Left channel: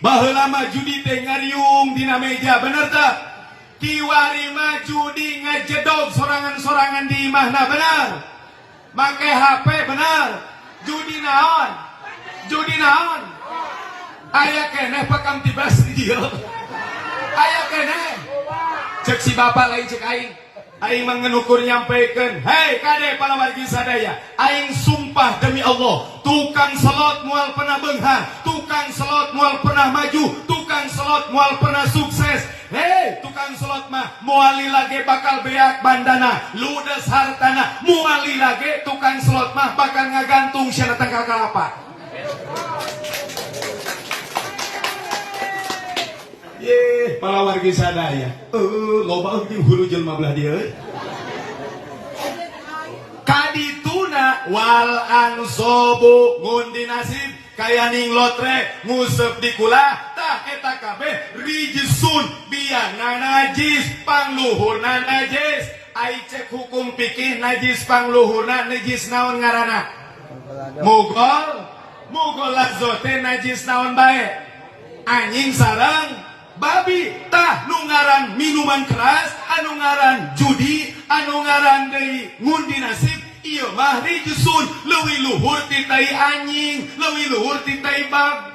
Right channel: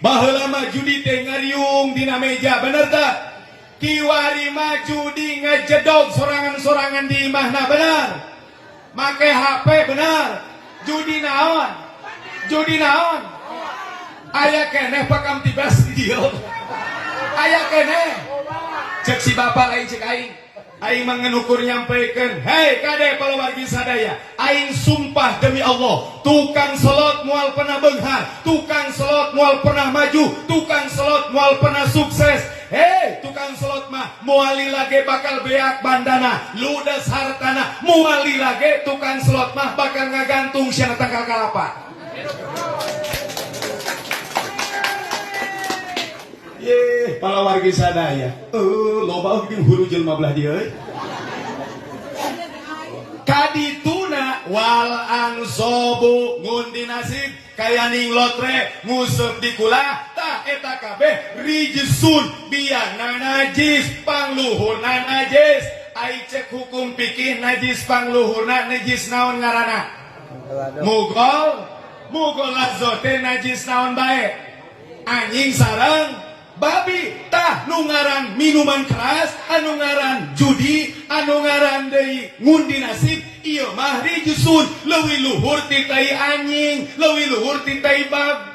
baheula mah judi teh ngariung dina meja, bener teh? Kiwari mah judi ngejedog sorangan-sorangan di imahna, bener? Make HP, bener? Judi naon? Judi naon? Aya keneh pakam tibas di dieu. Aya keneh. Cek si bapak lain cek aing. Aing mengenukur nyampaikan, hei kade palawargi sadaya, aing sumpah demi Allah, tukang selot mual pernah benghar, tukang selot mual pernah maju, tukang selot mual pernah sukses. Hei tukang selot mah muali lage bakal beak bandana, ludes hartana, muali lage tukang selot mah bakal ngagantung siana tangkal kalapa. Ye, palawargi sadaya. Loba euy hulu jelema belah dieu euy. Kadituna wal ansobu ngundi nasib kayaning lotre nguseup di kula tah eta kabeh rijsun biangna najis pangluhurna najis. Ai cek hukum fikih najis pangluhurna najis naon ngaranna? Mugol lazote najis naon bae? Anjing sareng babi. Tah nu ngaran minuman keras, anu ngaran judi, anu ngaran deui ngundi nasib, ieu mah rijsun leuwih luhur ti tai anjing, leuwih luhur ti tai babi.